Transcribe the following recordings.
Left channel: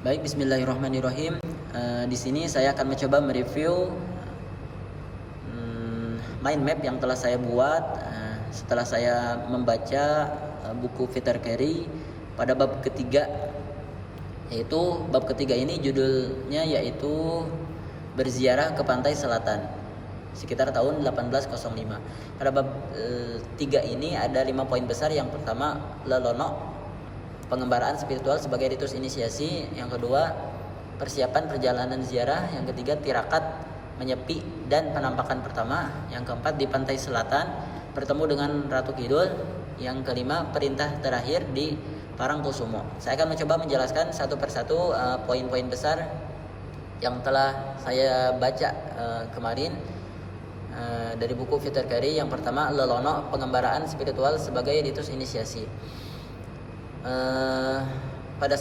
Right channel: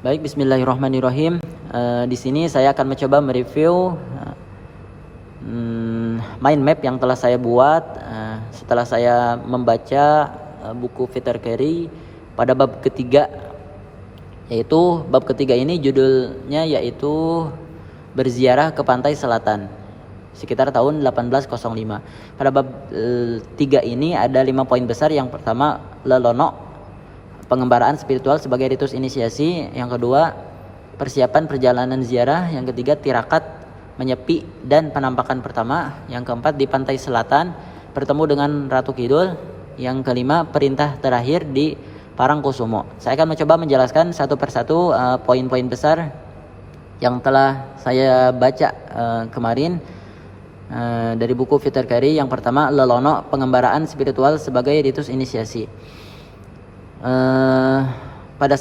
Baik, Bismillahirrahmanirrahim. Di sini saya akan mencoba mereview mind map yang telah saya buat setelah saya membaca buku Peter Carey pada bab ketiga, yaitu bab ketiga ini judulnya yaitu berziarah ke pantai selatan sekitar tahun 1805. Pada bab 3 ini ada 5 poin besar. Yang pertama, lelono, pengembaraan spiritual sebagai ritus inisiasi. Yang kedua, persiapan perjalanan ziarah. Yang ketiga, tirakat, menyepi dan penampakan pertama. Yang keempat, di pantai selatan bertemu dengan Ratu Kidul. Yang kelima, perintah terakhir di Parangkusumo. Saya akan mencoba menjelaskan satu persatu poin-poin besar yang telah saya baca kemarin dari buku Peter Carey. Yang pertama, lelono, pengembaraan spiritual sebagai ritus inisiasi. Pada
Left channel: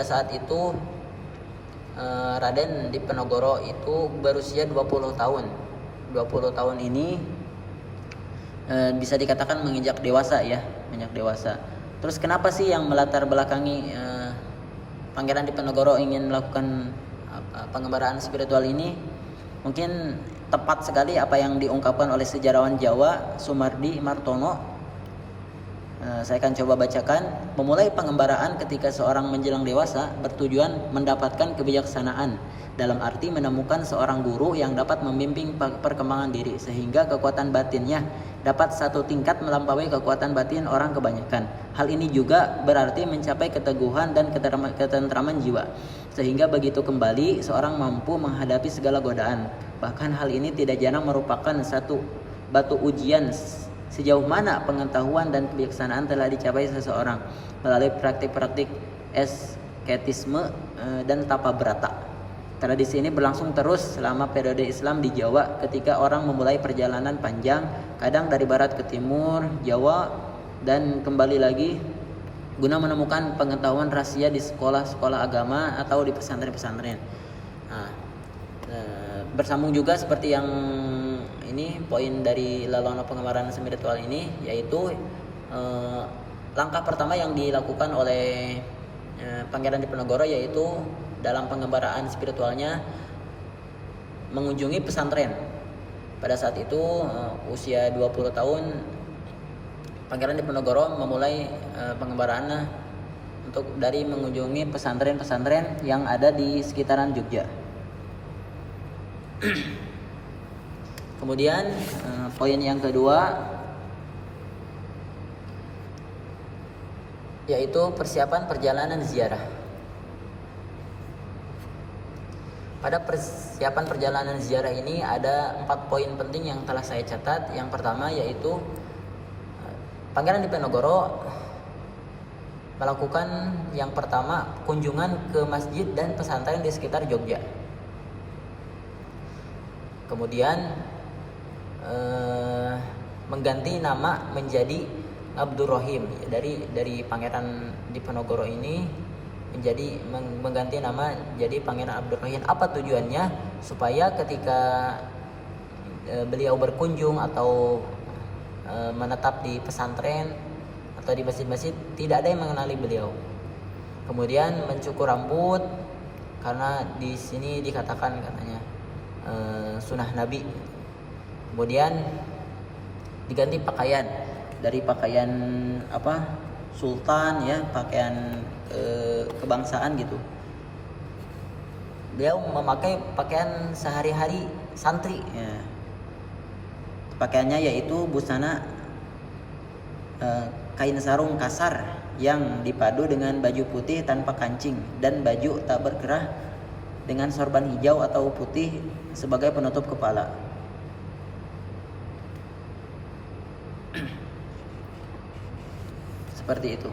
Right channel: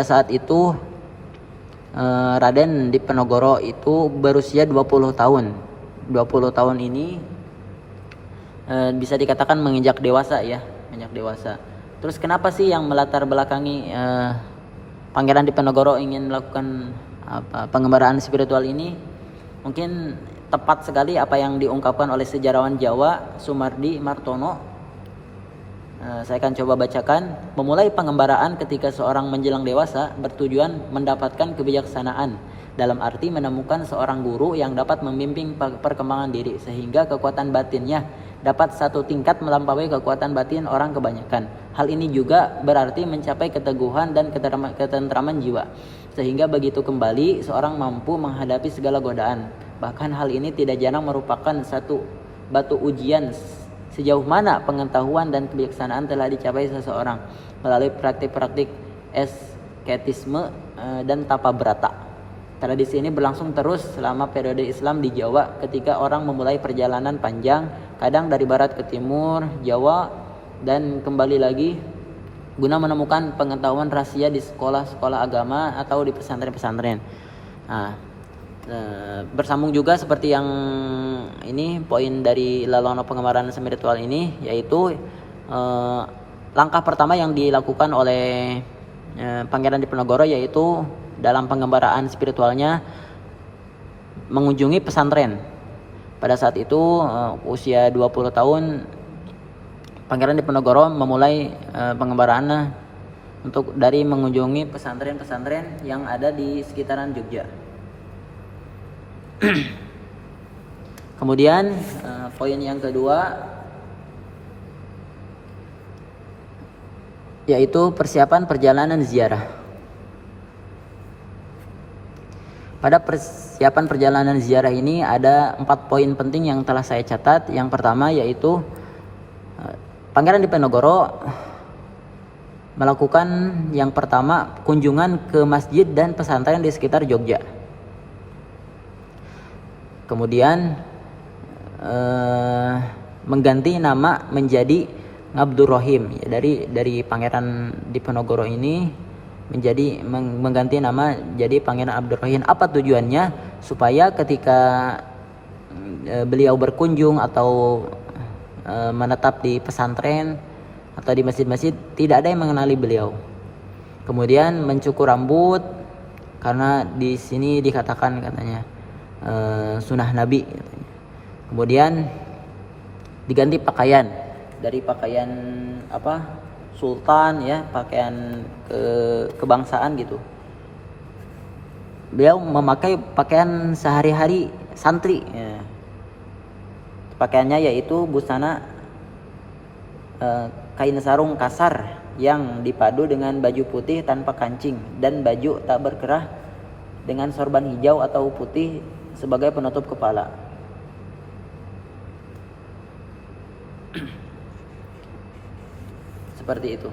saat itu Raden Diponegoro itu berusia 20 tahun. 20 tahun ini bisa dikatakan menginjak dewasa ya, Terus kenapa sih yang melatar belakangi Pangeran Diponegoro ingin melakukan pengembaraan spiritual ini? Mungkin tepat sekali apa yang diungkapkan oleh sejarawan Jawa Sumardi Martono. Saya akan coba bacakan. Memulai pengembaraan ketika seorang menjelang dewasa bertujuan mendapatkan kebijaksanaan, dalam arti menemukan seorang guru yang dapat membimbing perkembangan diri sehingga kekuatan batinnya dapat satu tingkat melampaui kekuatan batin orang kebanyakan. Hal ini juga berarti mencapai keteguhan dan ketentraman jiwa, sehingga begitu kembali seorang mampu menghadapi segala godaan. Bahkan hal ini tidak jarang merupakan satu batu ujian sejauh mana pengetahuan dan kebijaksanaan telah dicapai seseorang melalui praktik-praktik asketisme dan tapa brata. Tradisi ini berlangsung terus selama periode Islam di Jawa ketika orang memulai perjalanan panjang, kadang dari barat ke timur Jawa dan kembali lagi guna menemukan pengetahuan rahasia di sekolah-sekolah agama atau di pesantren-pesantren. Bersambung juga seperti yang ini poin dari lelono pengembaraan spiritual ini, yaitu langkah pertama yang dilakukan oleh Pangeran Diponegoro yaitu dalam pengembaraan spiritualnya mengunjungi pesantren. Pada saat itu usia 20 tahun Pangeran Diponegoro memulai pengembaraannya dari mengunjungi pesantren-pesantren yang ada di sekitaran Jogja. Kemudian poin yang kedua yaitu persiapan perjalanan ziarah. Pada persiapan perjalanan ziarah ini ada 4 poin penting yang telah saya catat. Yang pertama yaitu Pangeran Diponegoro melakukan yang pertama kunjungan ke masjid dan pesantren di sekitar Jogja. Kemudian mengganti nama menjadi Ngabdurrahim, ya, dari Pangeran Diponegoro ini menjadi mengganti nama jadi Pangeran Abdurrahim. Apa tujuannya? Supaya ketika beliau berkunjung atau menetap di pesantren atau di masjid-masjid tidak ada yang mengenali beliau. Kemudian mencukur rambut karena di sini dikatakan katanya sunnah Nabi. Kemudian diganti pakaian dari pakaian sultan ya, pakaian kebangsaan gitu. Beliau memakai pakaian sehari-hari santri ya. Pakaiannya yaitu busana kain sarung kasar yang dipadu dengan baju putih tanpa kancing dan baju tak berkerah dengan sorban hijau atau putih sebagai penutup kepala. Seperti itu.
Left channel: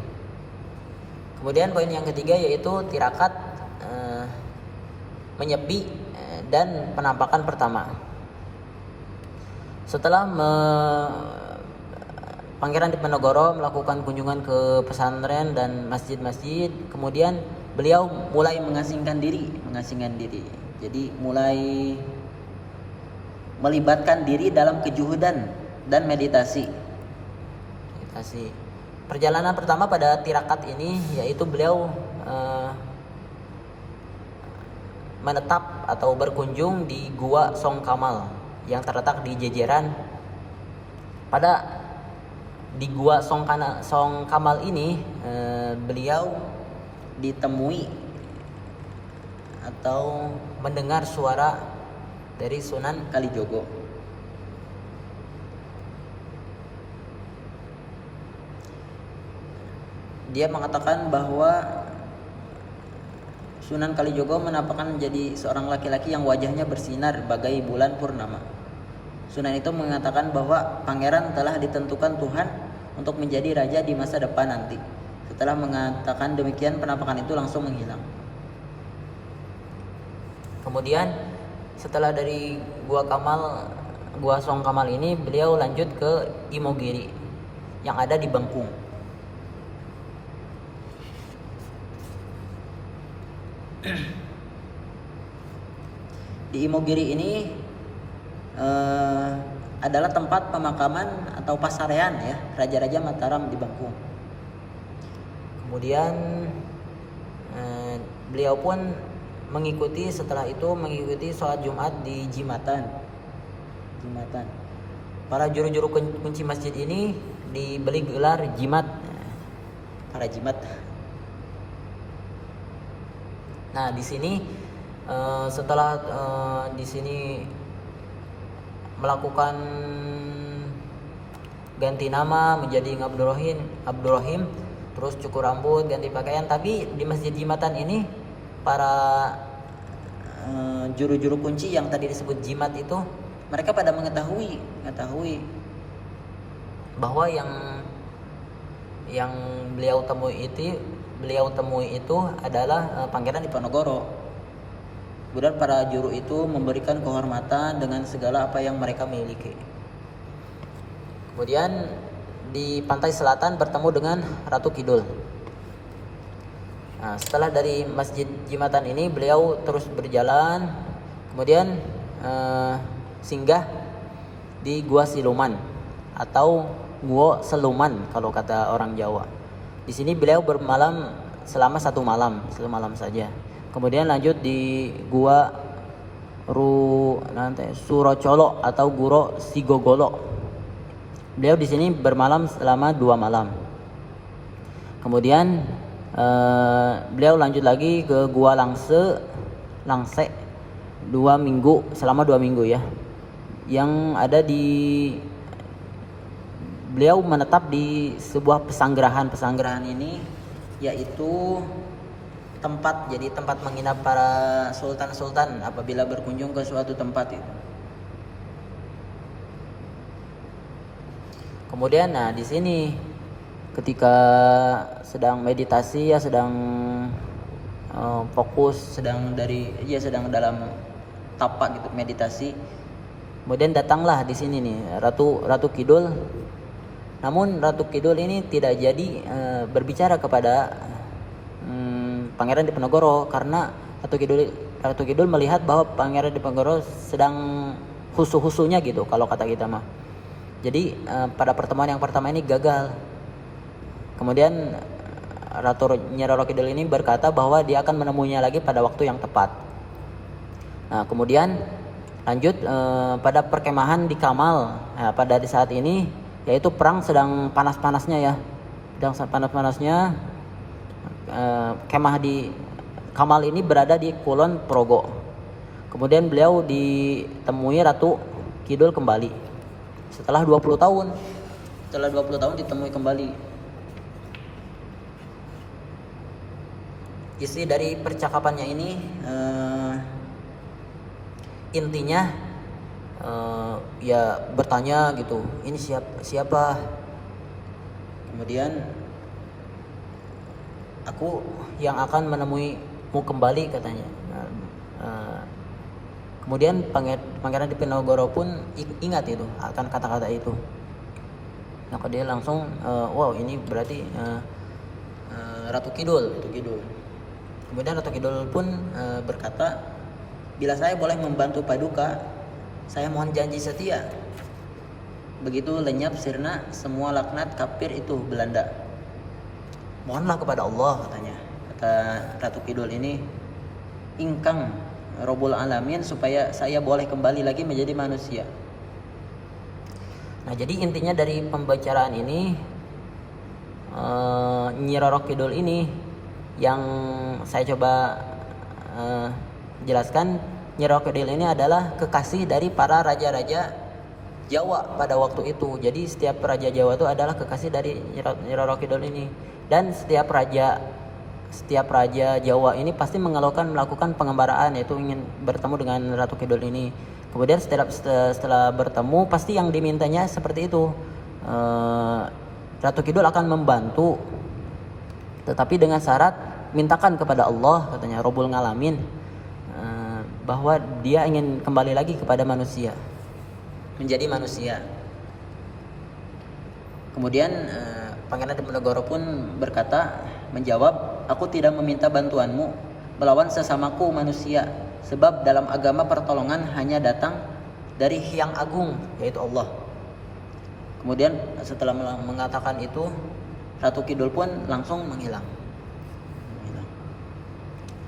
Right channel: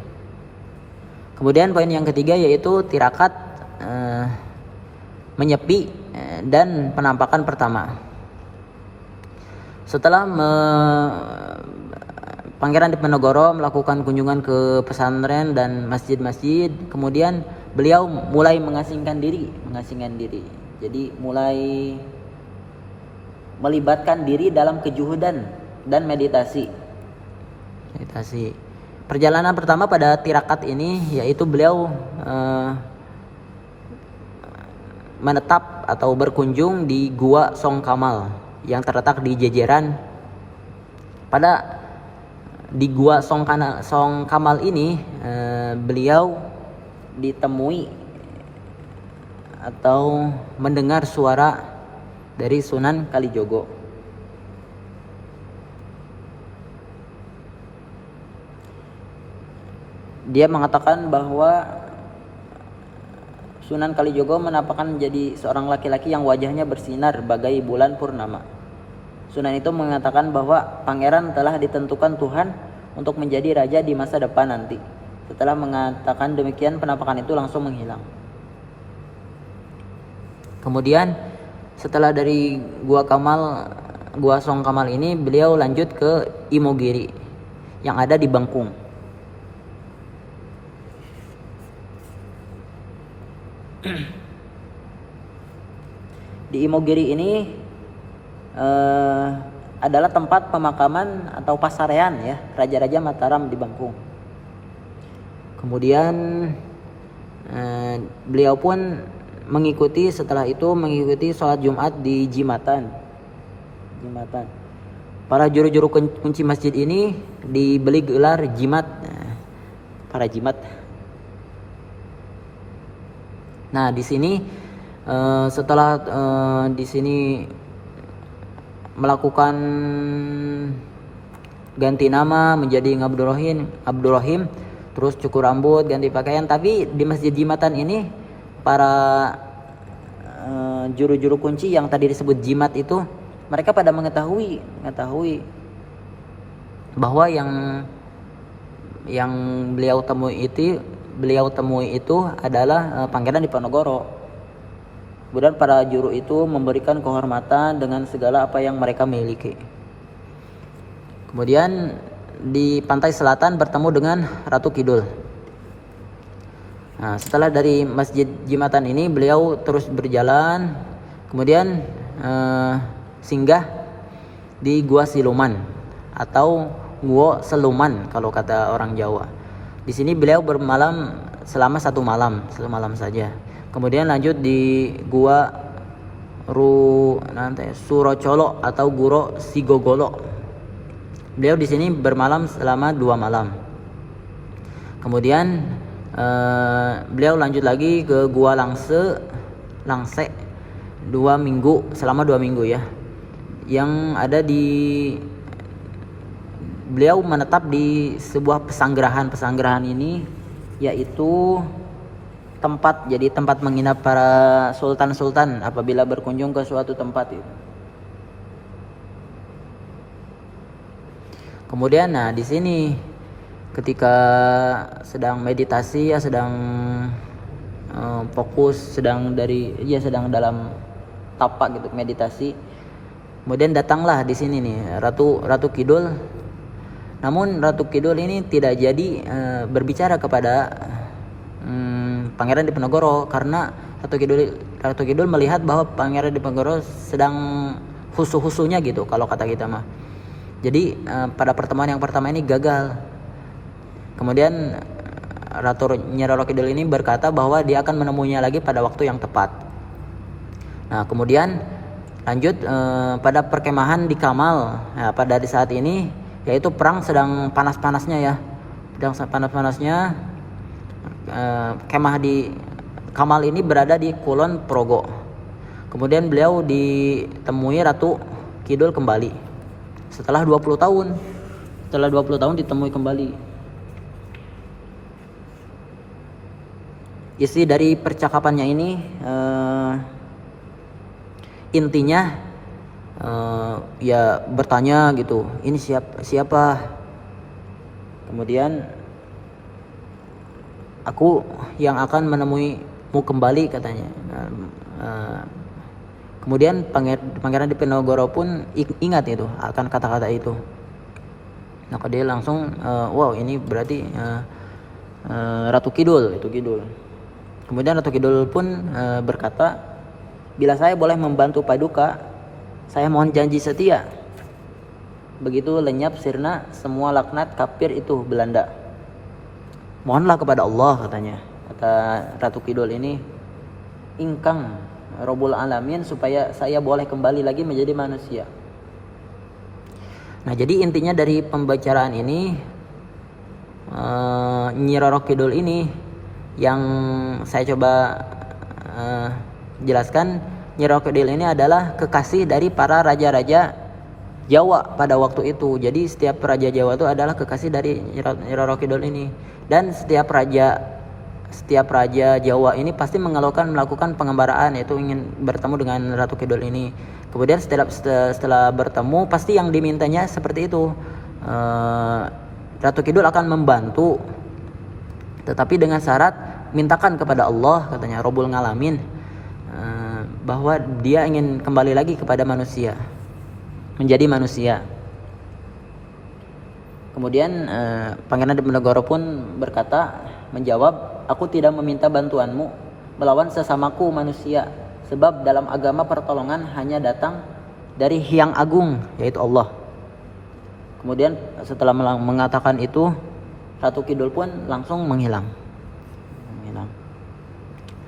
Kemudian poin yang ketiga yaitu tirakat, menyepi dan penampakan pertama. Setelah Pangeran Diponegoro melakukan kunjungan ke pesantren dan masjid-masjid, kemudian beliau mulai mengasingkan diri. Jadi mulai melibatkan diri dalam kejuhudan dan meditasi. Perjalanan pertama pada tirakat ini yaitu beliau menetap atau berkunjung di Gua Song Kamal yang terletak di Jejeran. Di Gua Song Kamal ini beliau ditemui atau mendengar suara dari Sunan Kalijogo. Dia mengatakan bahwa Sunan Kalijogo menampakkan menjadi seorang laki-laki yang wajahnya bersinar bagai bulan purnama. Sunan itu mengatakan bahwa pangeran telah ditentukan Tuhan untuk menjadi raja di masa depan nanti. Setelah mengatakan demikian, penampakan itu langsung menghilang. Kemudian setelah dari Gua Song Kamal ini, beliau lanjut ke Imogiri yang ada di Bangkung. Di Imogiri ini adalah tempat pemakaman atau pasarean ya Raja-Raja Mataram di Bangkung. Kemudian beliau pun setelah itu mengikuti sholat Jumat di Jimatan. Para juru-juru kunci masjid ini diberi gelar jimat, para jimat. Nah, di sini setelah di sini melakukan ganti nama menjadi Abdurrahim, terus cukur rambut, ganti pakaian. Tapi di Masjid Jimatan ini para juru-juru kunci yang tadi disebut jimat itu, mereka pada mengetahui bahwa yang beliau temui itu adalah Pangeran Diponegoro. Kemudian para juru itu memberikan kehormatan dengan segala apa yang mereka miliki. Kemudian di pantai selatan bertemu dengan Ratu Kidul. Nah, setelah dari Masjid Jimatan ini beliau terus berjalan, kemudian singgah di Gua Siluman atau Gua Seluman kalau kata orang Jawa. Di sini beliau bermalam selama satu malam saja. Kemudian lanjut di Gua Surocolo atau Guro Sigogolo. Beliau di sini bermalam selama 2 malam. Kemudian beliau lanjut lagi ke Gua Langse selama 2 minggu ya. Yang ada beliau menetap di sebuah pesanggerahan ini yaitu tempat menginap para sultan apabila berkunjung ke suatu tempat itu. Kemudian di sini ketika sedang meditasi ya, sedang fokus, sedang dalam tapak gitu meditasi. Kemudian datanglah di sini nih Ratu Kidul. Namun Ratu Kidul ini tidak jadi berbicara kepada Pangeran Diponegoro karena Ratu Kidul melihat bahwa Pangeran Diponegoro sedang khusyuk-khusyuknya gitu kalau kata kita mah. Jadi pada pertemuan yang pertama ini gagal. Kemudian Ratu Kidul ini berkata bahwa dia akan menemuinya lagi pada waktu yang tepat. Nah, kemudian lanjut pada perkemahan di Kamal. Nah, pada di saat ini yaitu perang sedang panas-panasnya ya. Sedang panas-panasnya. Kemah di Kamal ini berada di Kulon Progo. Kemudian beliau ditemui Ratu Kidul kembali setelah 20 tahun. Setelah 20 tahun ditemui kembali. Isi dari percakapannya ini intinya ya bertanya gitu, ini siapa? Kemudian aku yang akan menemuimu kembali katanya. Kemudian Pangeran Diponegoro pun ingat itu akan kata-kata itu. Maka dia langsung wow, ini berarti Ratu Kidul. Kemudian Ratu Kidul pun berkata, bila saya boleh membantu Paduka, saya mohon janji setia. Begitu lenyap sirna semua laknat kafir itu Belanda. Mohonlah kepada Allah katanya. Kata Ratu Kidul ini, ingkang Rabbul Alamin supaya saya boleh kembali lagi menjadi manusia. Nah, jadi intinya dari pembicaraan ini, Nyi Roro Kidul ini yang saya coba jelaskan, Nyi Roro Kidul ini adalah kekasih dari para raja-raja Jawa pada waktu itu. Jadi setiap raja Jawa itu adalah kekasih dari Nyi Roro Kidul ini. Dan setiap raja Jawa ini pasti melakukan pengembaraan, yaitu ingin bertemu dengan Ratu Kidul ini. Kemudian setelah bertemu pasti yang dimintanya seperti itu. Ratu Kidul akan membantu, tetapi dengan syarat mintakan kepada Allah, katanya Rabbul Alamin, bahwa dia ingin kembali lagi kepada manusia, menjadi manusia. Kemudian Pangeran Diponegoro pun menjawab, aku tidak meminta bantuanmu melawan sesamaku manusia, sebab dalam agama pertolongan hanya datang dari Hyang Agung, yaitu Allah. Kemudian setelah mengatakan itu, Ratu Kidul pun langsung menghilang.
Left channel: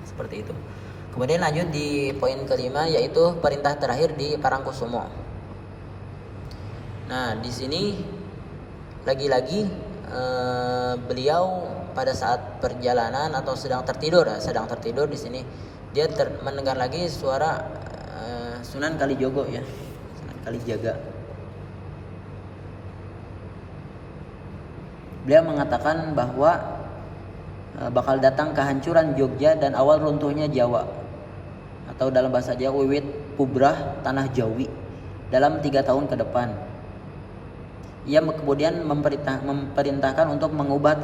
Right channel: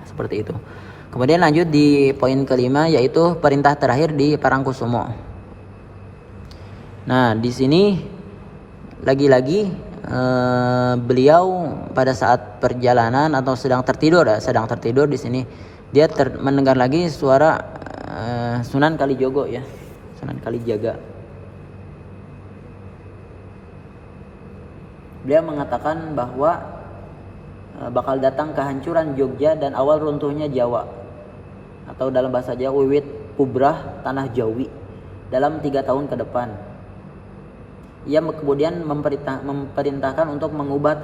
Seperti itu. Kemudian lanjut di poin kelima, yaitu perintah terakhir di Parangkusumo. Nah, di sini lagi-lagi beliau pada saat perjalanan atau sedang tertidur di sini, dia mendengar lagi suara Sunan Kalijogo, ya, Sunan Kalijaga. Beliau mengatakan bahwa bakal datang kehancuran Jogja dan awal runtuhnya Jawa, atau dalam bahasa Jawa wiwit pubrah tanah Jawi dalam 3 tahun ke depan. Ia kemudian memerintahkan untuk mengubah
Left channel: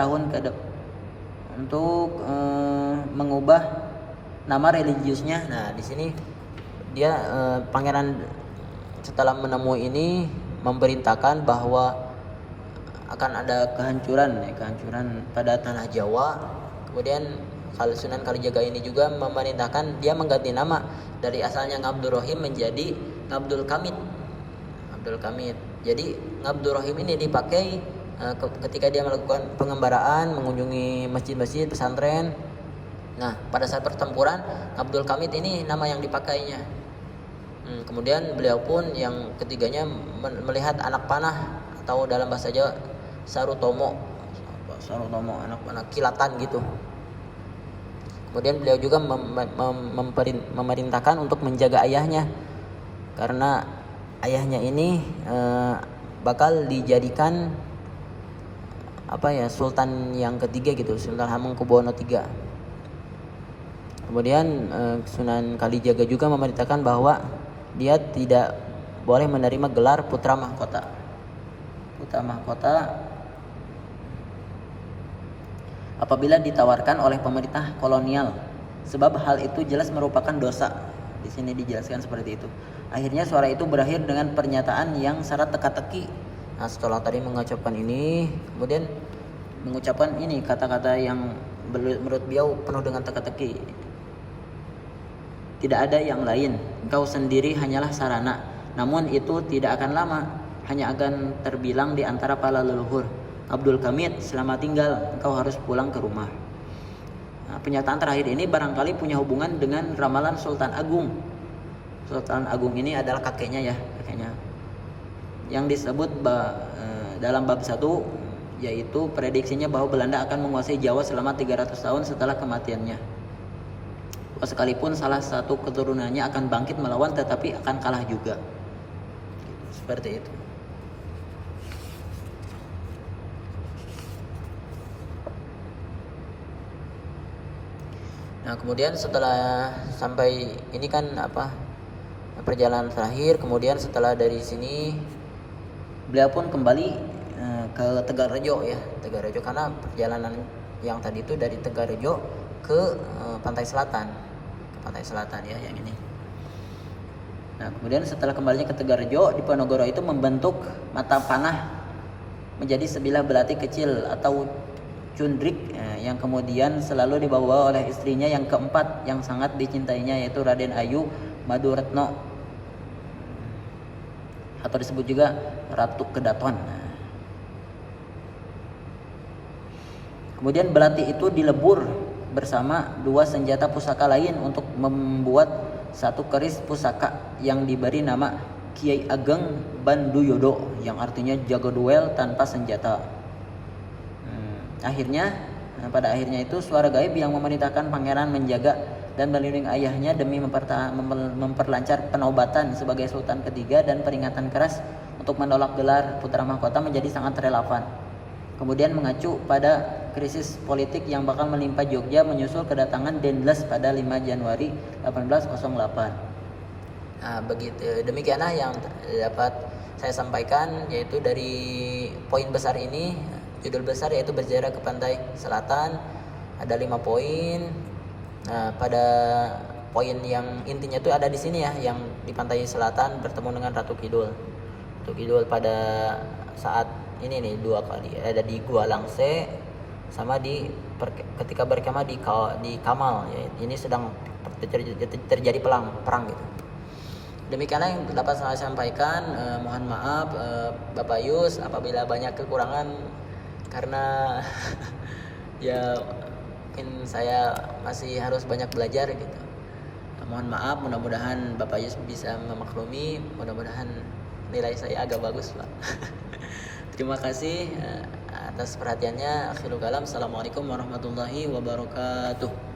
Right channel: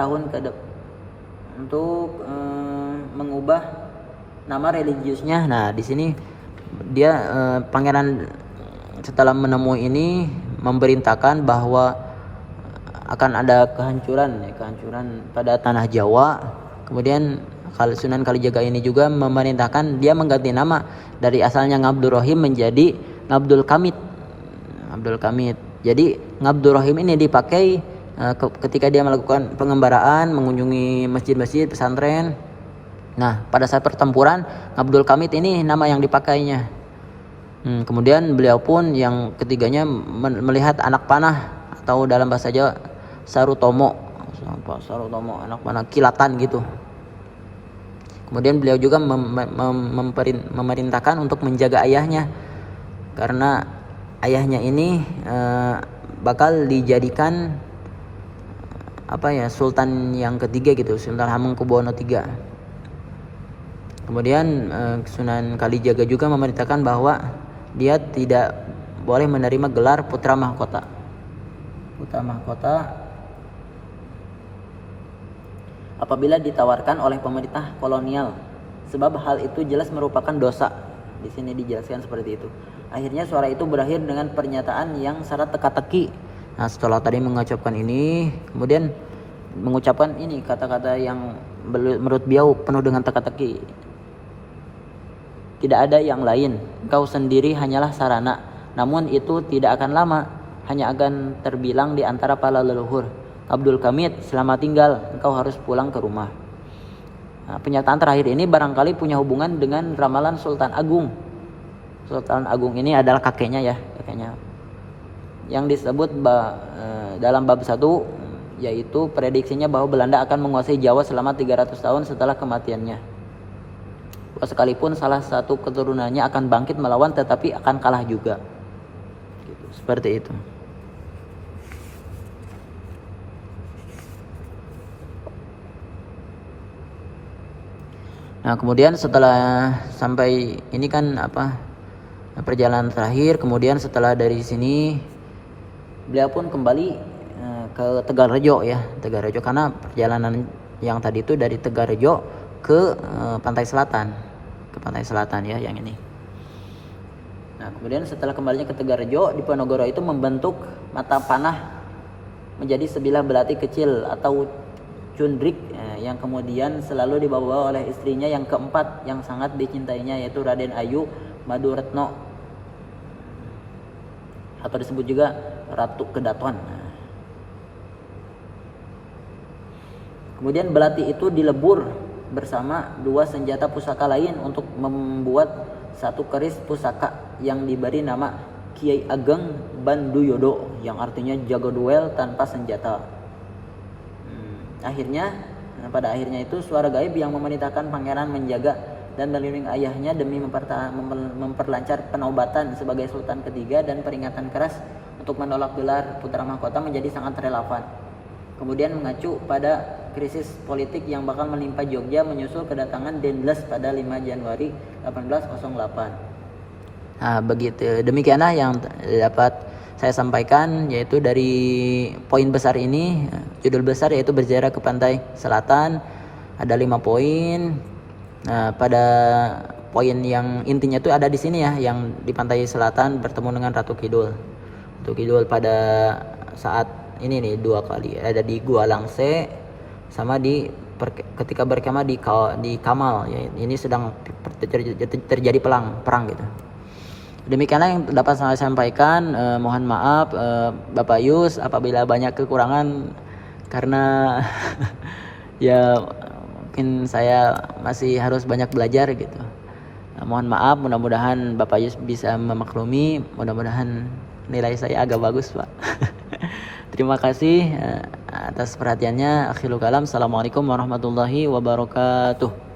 mengubah nama religiusnya. Nah, di sini dia pangeran setelah menemui ini memerintahkan bahwa akan ada kehancuran pada tanah Jawa. Kemudian Sunan Kalijaga ini juga memerintahkan dia mengganti nama dari asalnya Ngabdur Rahim menjadi Ngabdul Kamit. Jadi Ngabdur Rahim ini dipakai ketika dia melakukan pengembaraan, mengunjungi masjid-masjid, pesantren. Nah, pada saat pertempuran, Ngabdul Kamit ini nama yang dipakainya. Kemudian beliau pun yang ketiganya melihat anak panah, atau dalam bahasa Jawa Sarutomo, anak panah kilatan gitu. Kemudian beliau juga memerintahkan untuk menjaga ayahnya, karena ayahnya ini bakal dijadikan sultan yang ketiga gitu, Sultan Hamengkubuwono III. Kemudian Sunan Kalijaga juga memerintahkan bahwa dia tidak boleh menerima gelar putra mahkota apabila ditawarkan oleh pemerintah kolonial, sebab hal itu jelas merupakan dosa. Di sini dijelaskan seperti itu. Akhirnya suara itu berakhir dengan pernyataan yang syarat teka-teki. Nah, setelah tadi mengucapkan ini, kemudian mengucapkan ini kata-kata yang menurut beliau penuh dengan teka-teki. Tidak ada yang lain, engkau sendiri hanyalah sarana, namun itu tidak akan lama, hanya akan terbilang di antara para leluhur. Abdul Kamit, selamat tinggal, engkau harus pulang ke rumah. Nah, pernyataan terakhir ini barangkali punya hubungan dengan ramalan Sultan Agung. Sultan Agung ini adalah kakeknya, yang disebut dalam bab 1, yaitu prediksinya bahwa Belanda akan menguasai Jawa selama 300 tahun setelah kematiannya. Sekalipun salah satu keturunannya akan bangkit melawan, tetapi akan kalah juga. Seperti itu. Nah, kemudian setelah sampai ini kan perjalanan terakhir, kemudian setelah dari sini beliau pun kembali ke Tegalrejo, Tegalrejo, karena perjalanan yang tadi itu dari Tegalrejo ke pantai selatan, yang ini. Nah, kemudian setelah kembalinya ke Tegalrejo, Diponegoro itu membentuk mata panah menjadi sebilah belati kecil atau cundrik, yang kemudian selalu dibawa oleh istrinya yang keempat yang sangat dicintainya, yaitu Raden Ayu Maduretno, atau disebut juga Ratu Kedaton. Kemudian belati itu dilebur bersama 2 senjata pusaka lain untuk membuat satu keris pusaka yang diberi nama Kiai Ageng Banduyodo, yang artinya jago duel tanpa senjata. Pada akhirnya itu suara gaib yang memerintahkan pangeran menjaga dan melindungi ayahnya demi memperlancar penobatan sebagai sultan ketiga, dan peringatan keras untuk menolak gelar putra mahkota menjadi sangat relevan. Kemudian mengacu pada krisis politik yang bakal menimpa Jogja menyusul kedatangan Dendles pada 5 Januari 1808. Nah, demikianlah yang dapat saya sampaikan, yaitu dari poin besar ini, judul besar yaitu berziarah ke pantai selatan, ada 5 poin. Nah, pada poin yang intinya itu ada di sini ya, yang di pantai selatan bertemu dengan Ratu Kidul. Ratu Kidul pada saat ini nih 2 kali, ada di Gua Langse sama ketika berkemah di Kamal ya. Ini sedang terjadi perang gitu. Demikianlah yang dapat saya sampaikan. Mohon maaf Bapak Yus apabila banyak kekurangan, karena ya mungkin saya masih harus banyak belajar gitu. Mohon maaf, mudah-mudahan Bapak Yus bisa memaklumi, mudah-mudahan nilai saya agak bagus, Pak. Terima kasih atas perhatiannya. Akhirul kalam. Assalamualaikum warahmatullahi wabarakatuh.